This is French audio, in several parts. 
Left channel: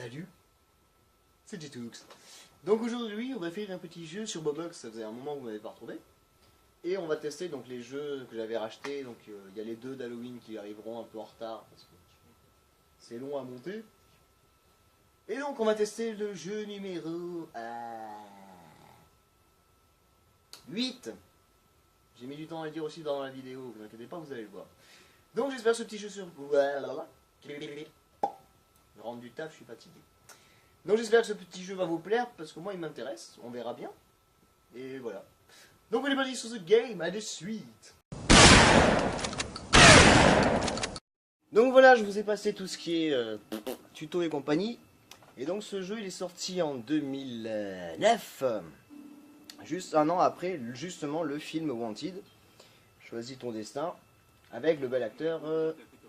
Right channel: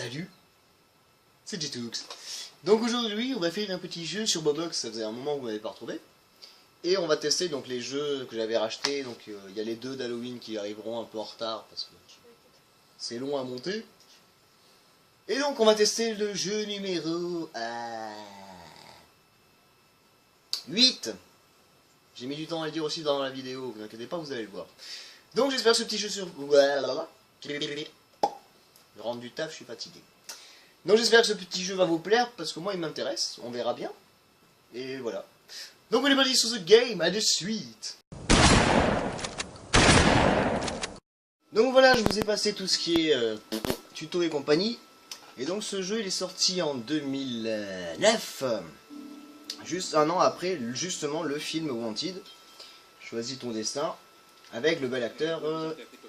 Salut, c'est Jetoux. Donc aujourd'hui on va faire un petit jeu sur Bobox, ça faisait un moment que vous n'avez pas retrouvé. Et on va tester donc les jeux que j'avais rachetés, donc il y a les deux d'Halloween qui arriveront un peu en retard parce que c'est long à monter. Et donc on va tester le jeu numéro 8. J'ai mis du temps à le dire aussi dans la vidéo, vous inquiétez pas, vous allez le voir. Donc j'espère ce petit jeu sur... Je rentre du taf, je suis fatigué. Donc j'espère que ce petit jeu va vous plaire, parce que moi il m'intéresse, on verra bien. Et voilà. Donc on est parti sur ce game, à de suite. Donc voilà, je vous ai passé tout ce qui est tuto et compagnie. Et donc ce jeu il est sorti en 2009. Juste un an après justement le film Wanted. Choisis ton destin. Avec le bel acteur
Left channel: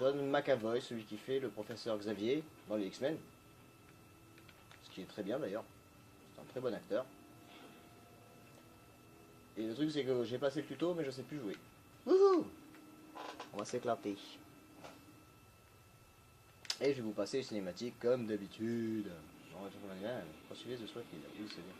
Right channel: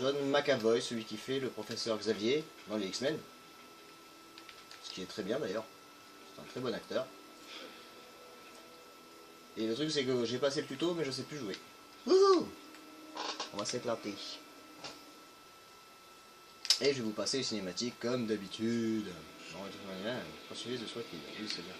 John McAvoy, celui qui fait le professeur Xavier dans les X-Men. Ce qui est très bien d'ailleurs. C'est un très bon acteur. Et le truc c'est que j'ai passé le tuto mais je sais plus jouer. Wouhou! On va s'éclater. Et je vais vous passer les cinématiques comme d'habitude. Poursuivez The SWAT Kid. Oui, c'est bien.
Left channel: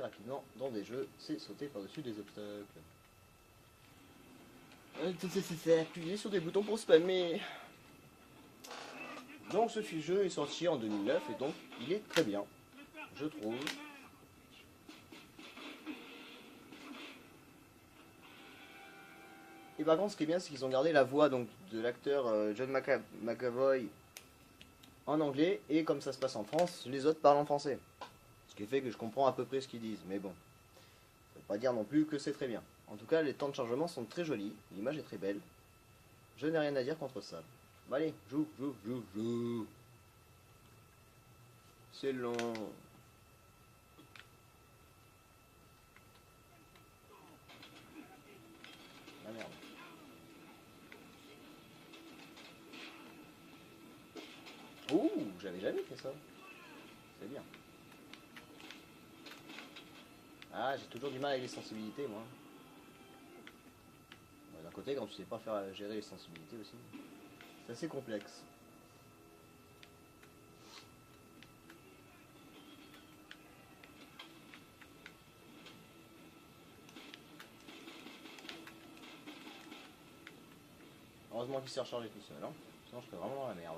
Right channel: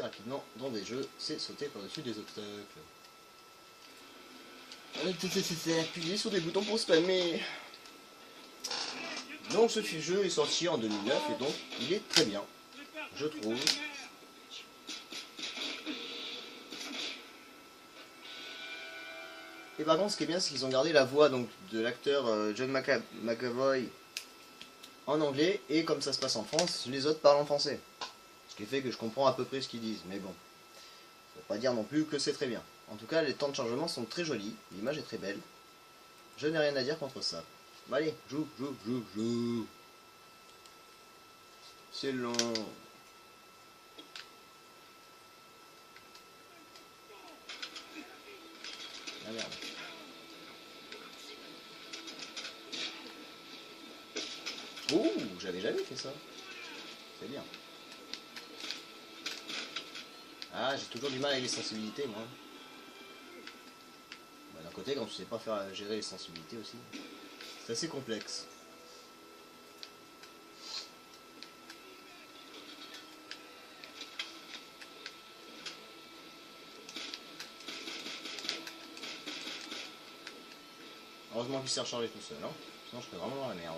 Rapidement dans des jeux, c'est sauter par-dessus des obstacles. Appuyer sur des boutons pour spammer. Donc ce jeu est sorti en 2009 et donc il est très bien, je trouve. Et par contre ce qui est bien c'est qu'ils ont gardé la voix donc, de l'acteur John McAvoy en anglais, et comme ça se passe en France, les autres parlent en français. Ce qui fait que je comprends à peu près ce qu'ils disent, mais bon, ça veut pas dire non plus que c'est très bien. En tout cas, les temps de chargement sont très jolis, l'image est très belle. Je n'ai rien à dire contre ça. Bon, allez, joue. C'est long. Ah merde. Ouh, j'avais jamais fait ça. C'est bien. Ah, j'ai toujours du mal avec les sensibilités, moi. Bon, d'un côté, quand tu sais pas faire gérer les sensibilités aussi, c'est assez complexe. Heureusement qu'il s'est rechargé tout seul, hein. Sinon je serais vraiment dans la merde.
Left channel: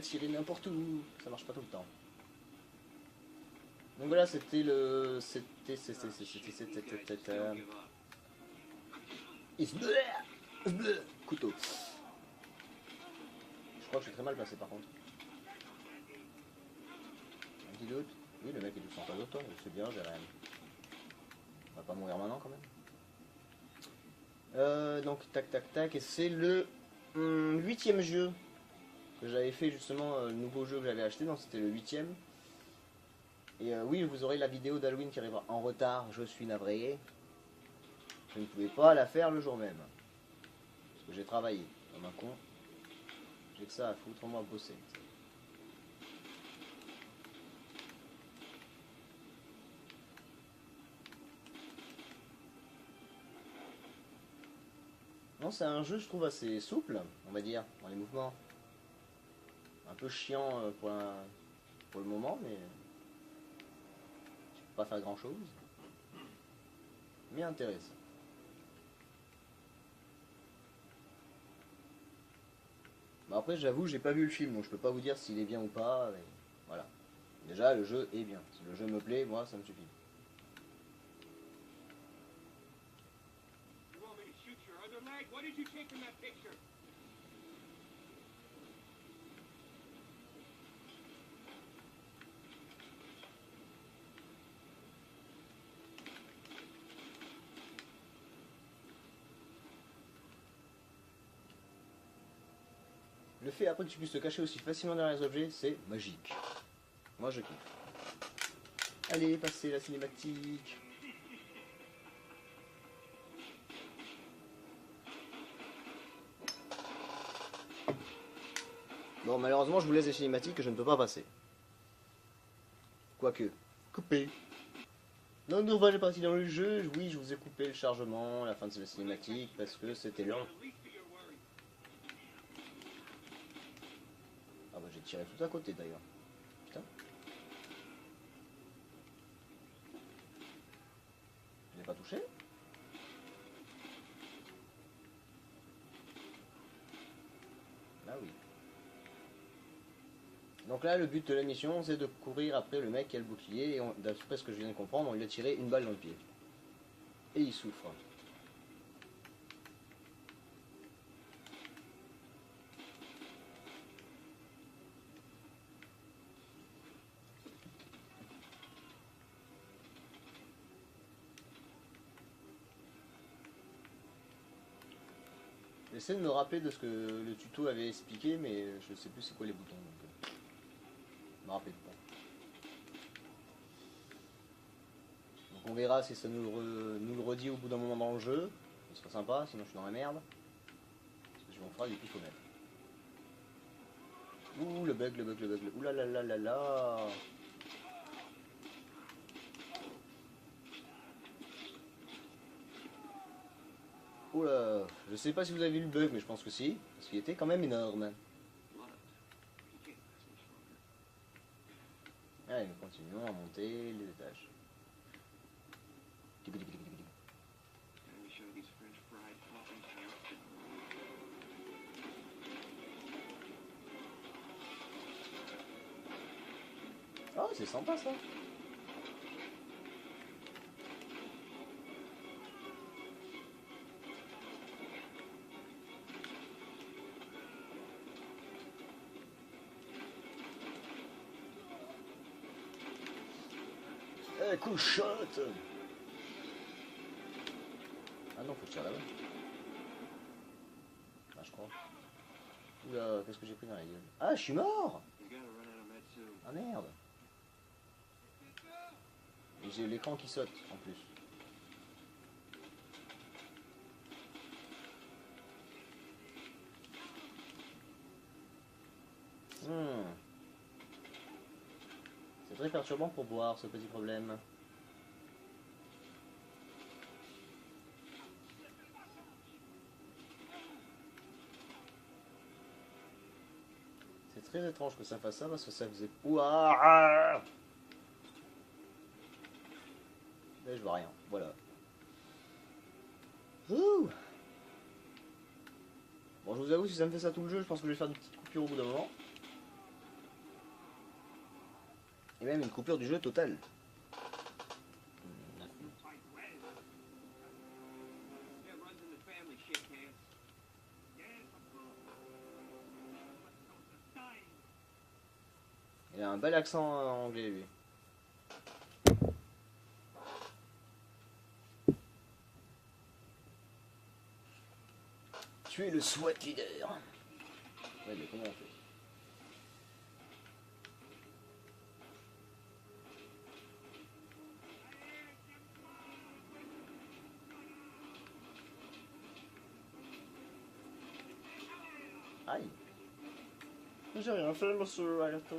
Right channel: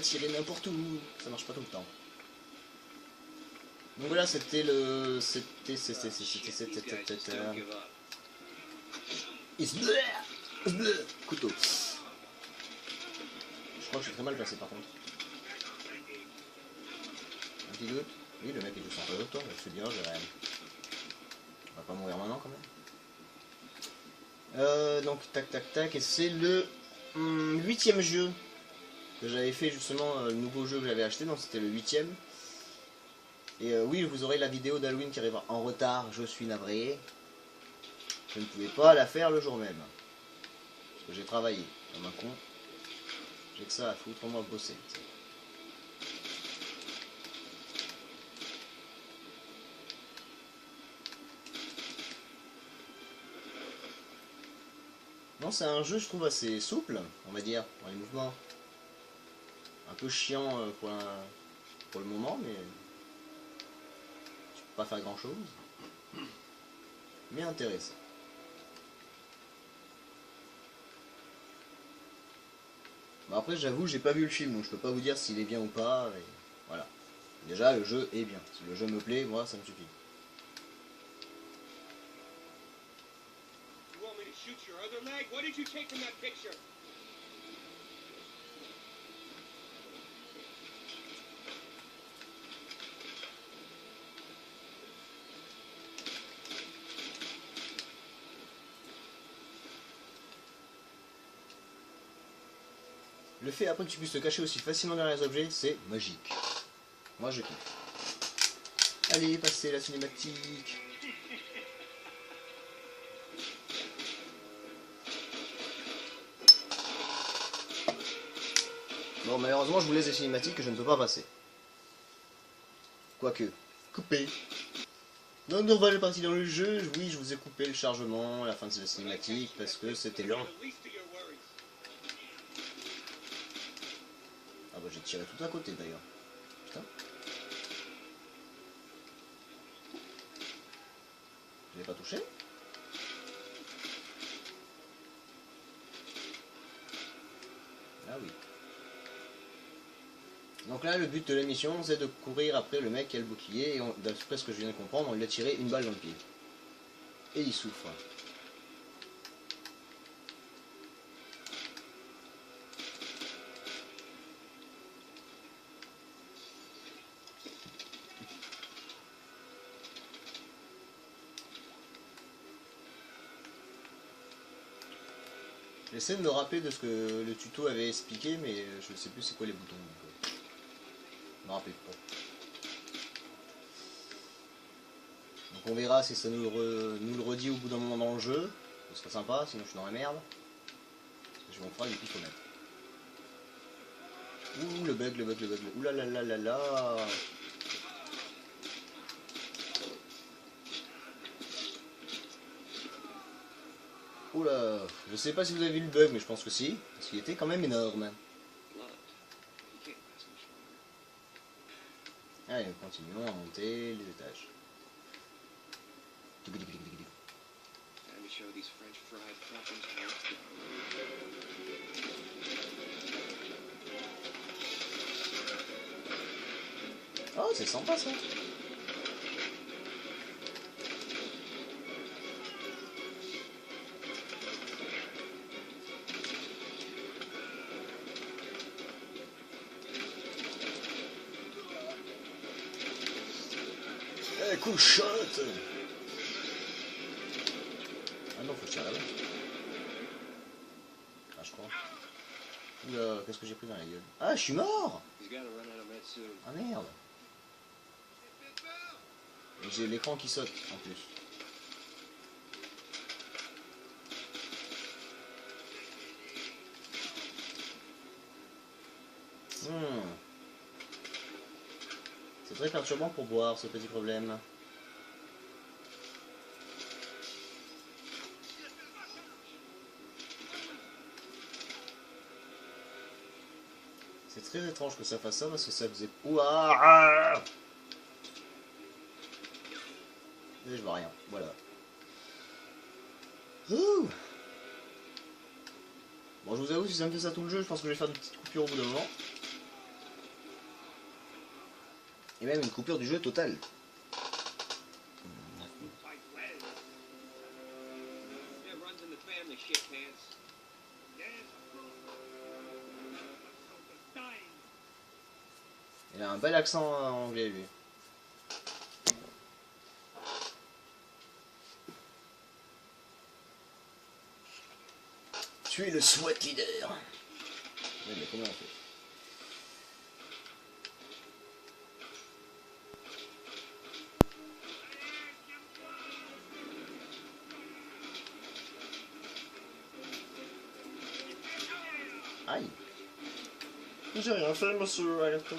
Tirer n'importe où, ça marche pas tout le temps. Donc voilà, c'était le... Couteau. Je crois que je suis très mal placé par contre. Un petit doute. Oui, le mec il est sympa de toi, c'est bien, j'ai rien. On va pas mourir maintenant quand même. Donc tac, et c'est le 8ème jeu que j'avais fait justement, le nouveau jeu que j'avais acheté, donc c'était le 8ème. Et oui, vous aurez la vidéo d'Halloween qui arrivera en retard, je suis navré. Je ne pouvais pas la faire le jour même. Parce que j'ai travaillé, comme un con. J'ai que ça à foutre, moi bosser. Non, c'est un jeu, je trouve, assez souple, on va dire, dans les mouvements. Un peu chiant pour le moment, mais tu peux pas faire grand chose. Mais intéressant. Bon, après, j'avoue, j'ai pas vu le film, donc je peux pas vous dire s'il est bien ou pas. Et voilà. Déjà, le jeu est bien. Si le jeu me plaît, moi, ça me suffit. What did you take from that picture? Le fait après que tu puisses te cacher aussi facilement derrière les objets, c'est magique. Moi je kiffe. Allez, passez la cinématique. Bon, malheureusement, je vous laisse des cinématiques que je ne peux pas passer. Quoique, coupé. Donc, nous revoilà parti dans le jeu. Oui, je vous ai coupé le chargement à la fin de cette cinématique parce que c'était long. Ah bah, j'ai tiré tout à côté d'ailleurs. Putain. Je l'ai pas touché? Ah oui. Donc là, le but de la mission, c'est de courir après le mec qui a le bouclier. Et d'après ce que je viens de comprendre, on lui a tiré une balle dans le pied. Et il souffre. J'essaie de me rappeler de ce que le tuto avait expliqué, mais je sais plus c'est quoi les boutons. Donc, je me rappelle pas. Donc on verra si ça nous le redit au bout d'un moment dans le jeu. Ce serait sympa, sinon je suis dans la merde. On fera du pistolet. Ouh, le bug, le bug, le bug. Ouh là là là là là. Ouh là. Je sais pas si vous avez vu le bug, mais je pense que si. Parce qu'il était quand même énorme. Allez, continuons à monter les étages. Oh, c'est sympa ça. Eh, cool shot. Ah non, faut que je tire là-bas. Ah, je crois. Oula, qu'est-ce que j'ai pris dans la gueule? Ah, je suis mort. Ah merde. Et j'ai l'écran qui saute en plus. C'est très perturbant pour voir ce petit problème. C'est très étrange que ça fasse ça parce que ça faisait... Ouah. Mais je vois rien, voilà. Ouh. Bon, je vous avoue, si ça me fait ça tout le jeu, je pense que je vais faire des petites coupures au bout d'un moment. Et même une coupure du jeu totale. Il a un bel accent anglais, lui. Tu es le SWAT leader. Oui, mais comment on fait? Aïe. J'ai rien fait, monsieur Alerton.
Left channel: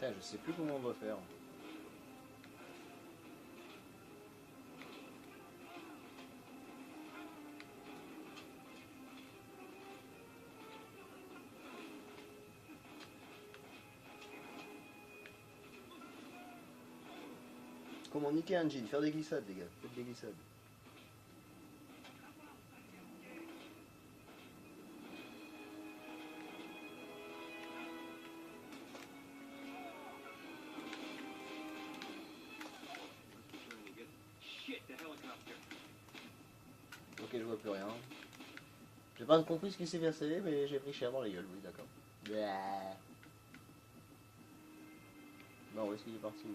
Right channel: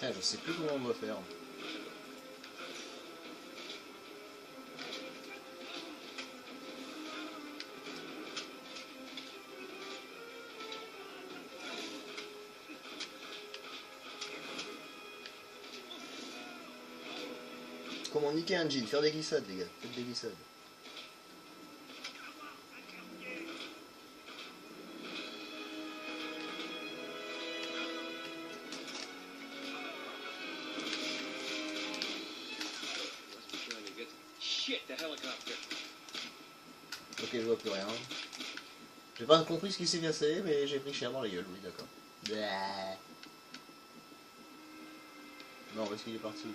Putain, je sais plus comment on doit faire. Comment niquer un jean? Faire des glissades, les gars. Faites des glissades. Ok, je vois plus rien. J'ai pas compris ce qui s'est cassé, mais j'ai pris cher dans la gueule, oui, d'accord. Non, où est-ce qu'il est parti?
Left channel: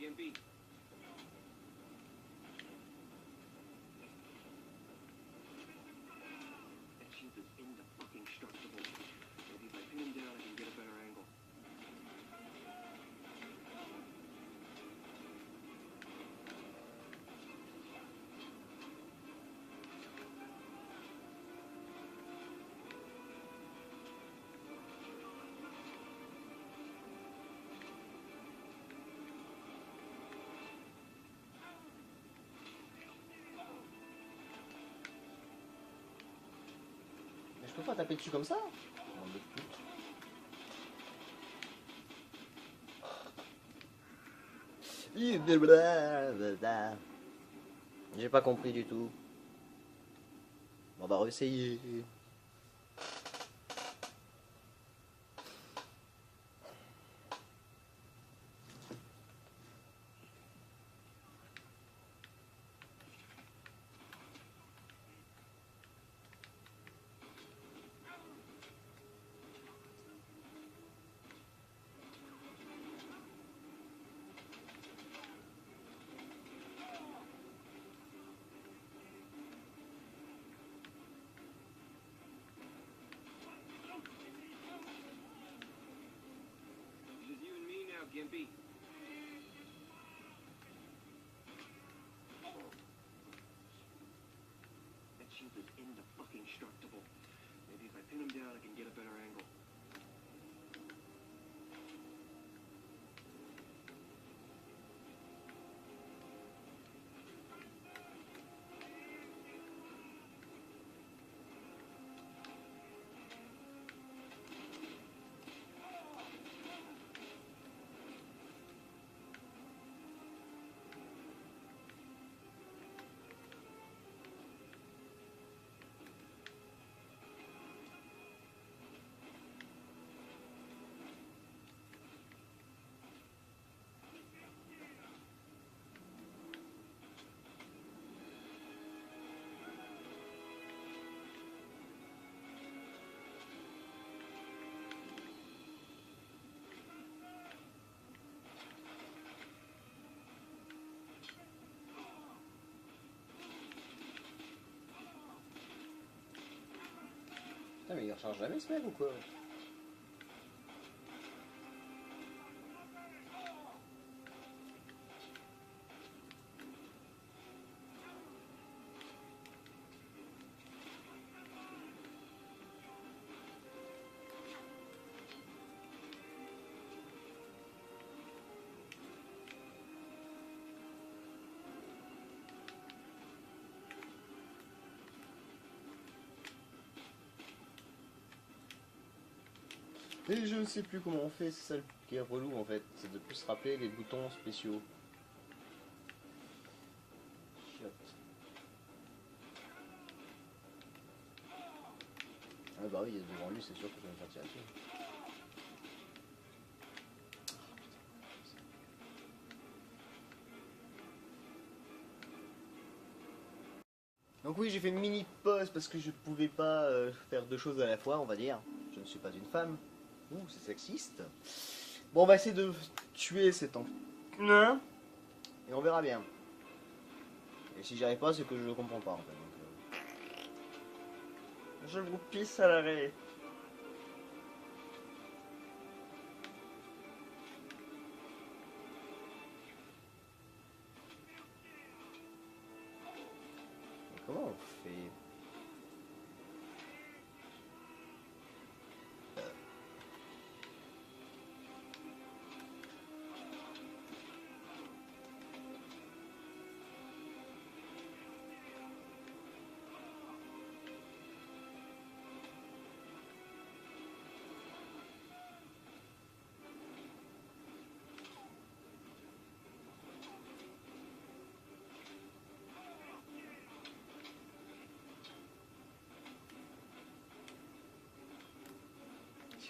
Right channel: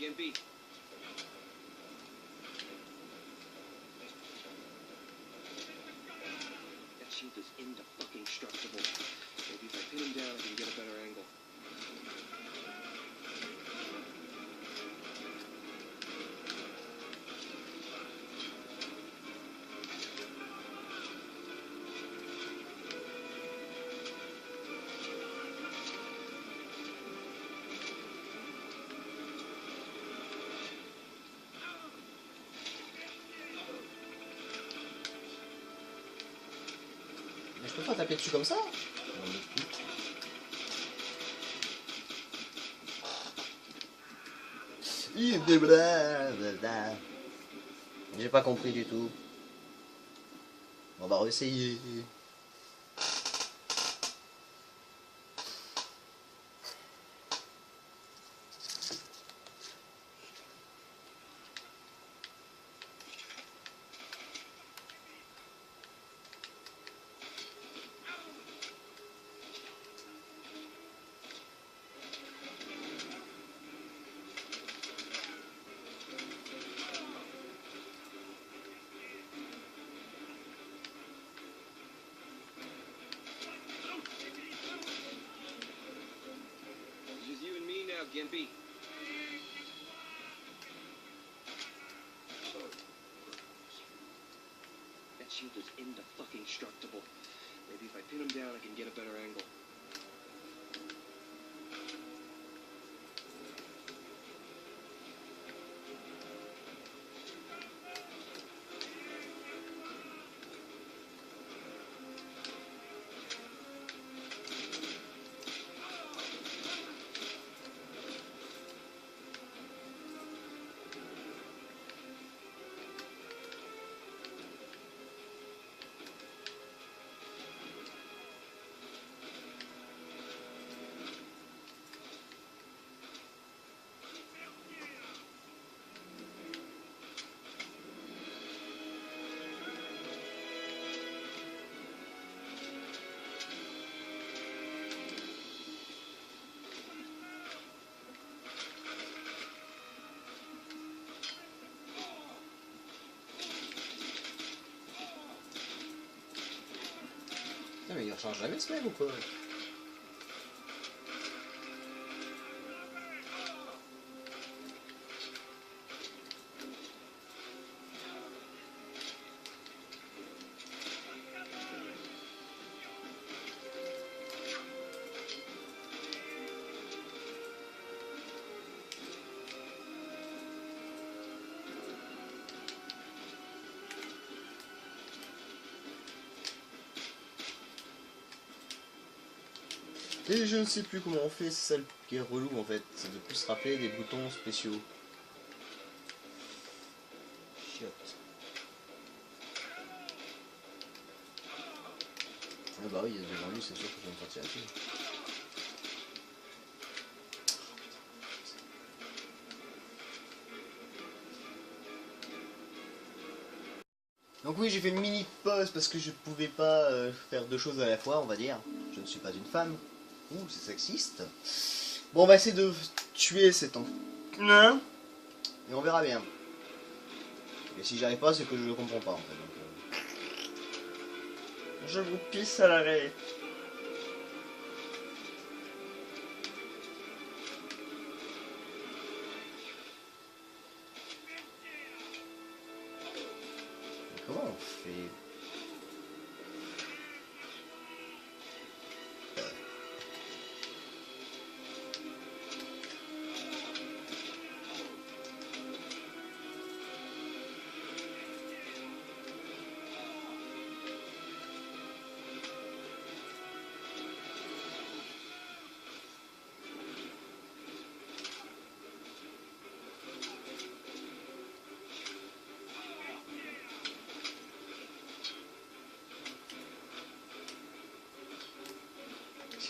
Gimpy. That shield is indestructible. Maybe if I pin him down, I can get a better angle. Mais je peux pas taper dessus comme ça? On le pute. J'ai pas compris du tout. On va réessayer. Gimpy. That shield is indestructible. Maybe if I pin him down, I can get a better angle. Putain, mais il recharge jamais ce mec ou quoi? Et je ne sais plus comment on fait, c'est ça qui est relou en fait, c'est de plus se rappeler des boutons spéciaux. Chiotte. Ah bah oui, il y a devant lui, c'est sûr que je vais me sortir dessus. Donc oui, j'ai fait une mini pause parce que je pouvais pas faire deux choses à la fois, on va dire. Je ne suis pas une femme. Ouh, c'est sexiste. Bon, on va essayer de tuer cet en... Et on verra bien. Et si j'arrive pas, c'est que je le comprends pas en fait. Donc, je vous pisse à l'arrêt.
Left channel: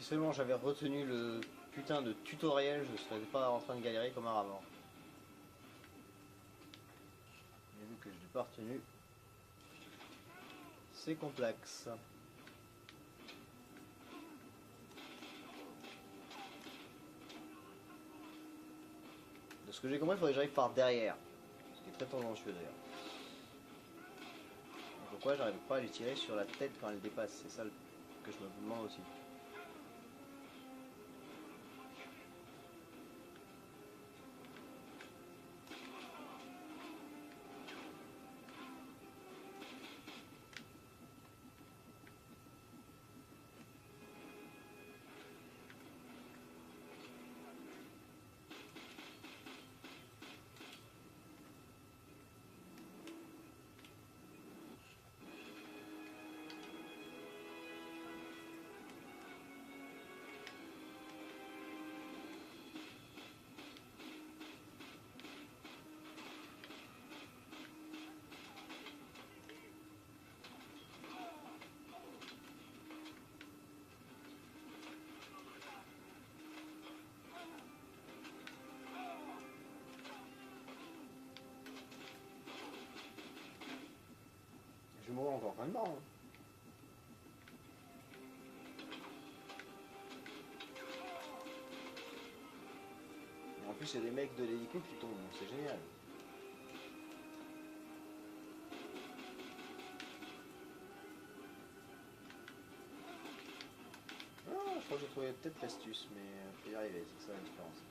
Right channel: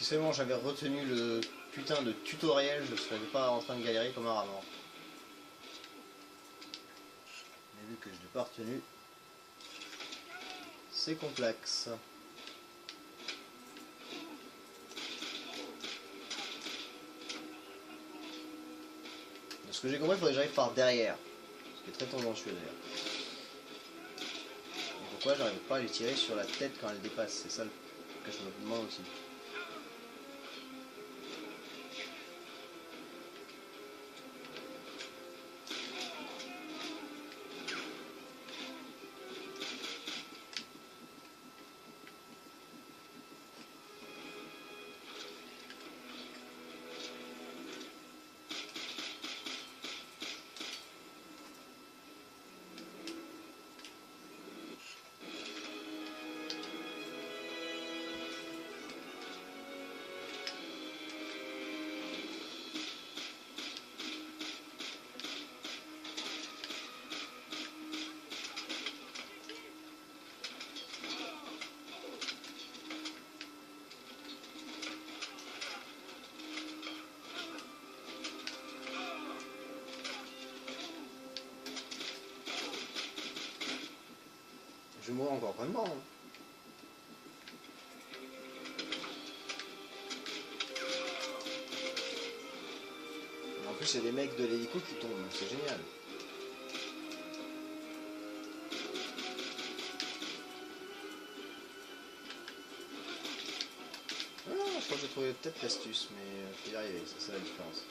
seulement j'avais retenu le putain de tutoriel, je serais pas en train de galérer comme un rat mort. Et vu que je l'ai pas retenu, c'est complexe. Ce que j'ai compris, il faudrait que j'arrive par derrière. Ce qui est très tendancieux d'ailleurs. Pourquoi j'arrive pas à les tirer sur la tête quand elle dépasse? C'est ça que je me demande aussi. Je vais mourir encore pas de mort. Hein. Et en plus, il y a des mecs de l'hélico qui tombent, donc c'est génial. Ah, je crois que j'ai trouvé peut-être l'astuce, mais je vais y arriver, c'est ça la différence.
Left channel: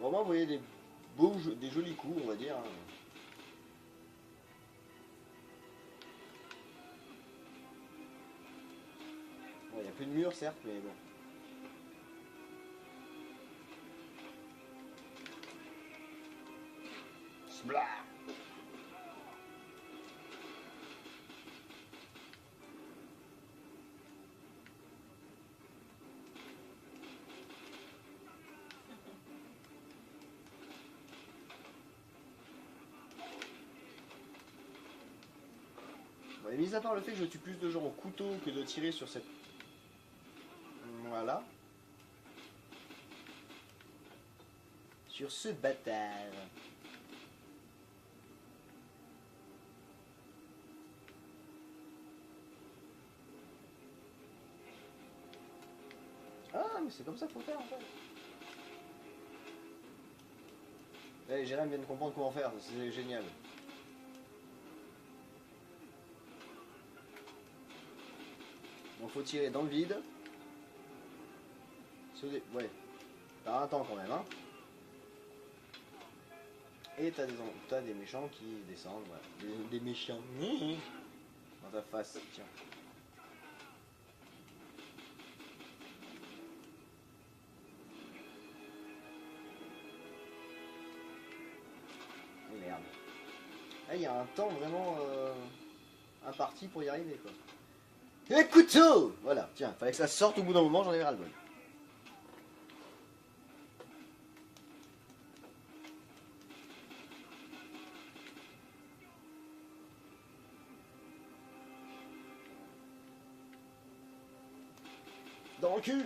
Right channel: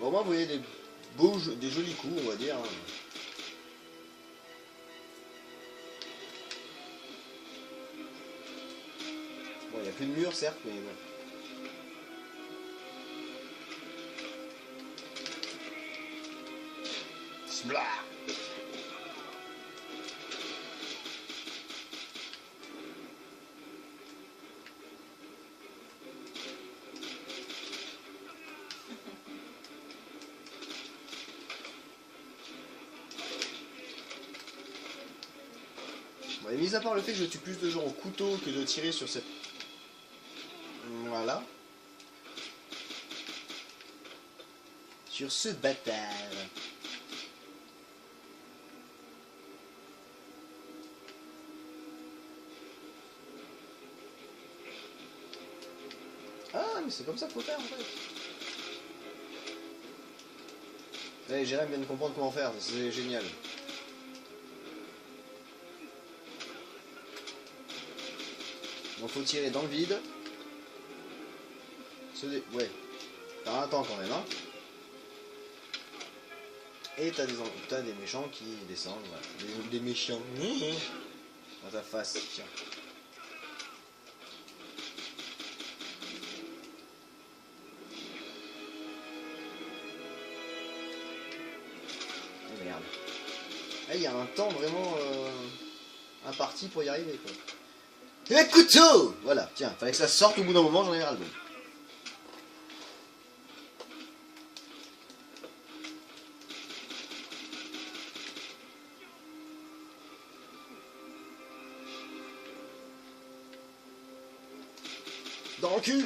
Bon, au moins, vous voyez des beaux, des jolis coups, on va dire. Bon, il n'y a plus de mur, certes, mais bon. Blah. Bon, et mis à part le fait que je tue plus de gens au couteau que de tirer sur cette... Voilà. Sur ce bâtard. Ah, mais c'est comme ça qu'il faut faire en fait. Allez, Jérém vient de comprendre comment faire, c'est génial. Donc faut tirer dans le vide. Ouais, t'as un temps quand même, hein. Et t'as des méchants qui descendent, voilà. Des méchants. Dans ta face, tiens. Oh, merde. Ah, il y a un temps vraiment imparti pour y arriver, quoi. Et un couteau! Voilà, tiens, fallait que ça sorte au bout d'un moment, j'en ai ras le bol. Dans le cul!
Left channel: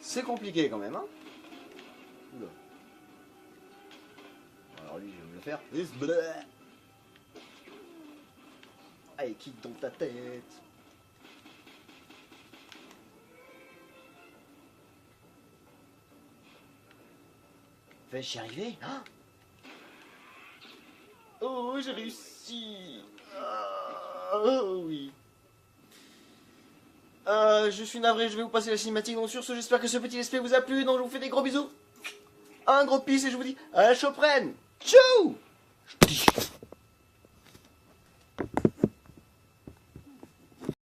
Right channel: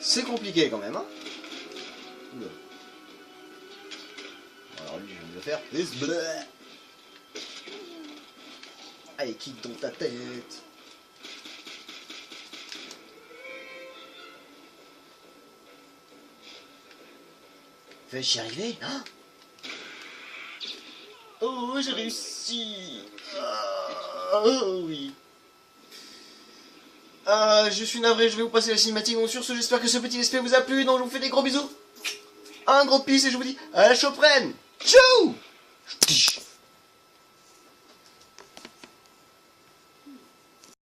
C'est compliqué quand même, hein. Oula. Alors lui, je viens de le faire. Allez, kick dans ta tête. Vais-je y arriver, hein? Oh, j'ai réussi. Oh, oui. Je suis navré, je vais vous passer la cinématique. Donc sur ce, j'espère que ce petit let's play vous a plu. Donc je vous fais des gros bisous. Un gros peace et je vous dis à la prochaine. Ciao.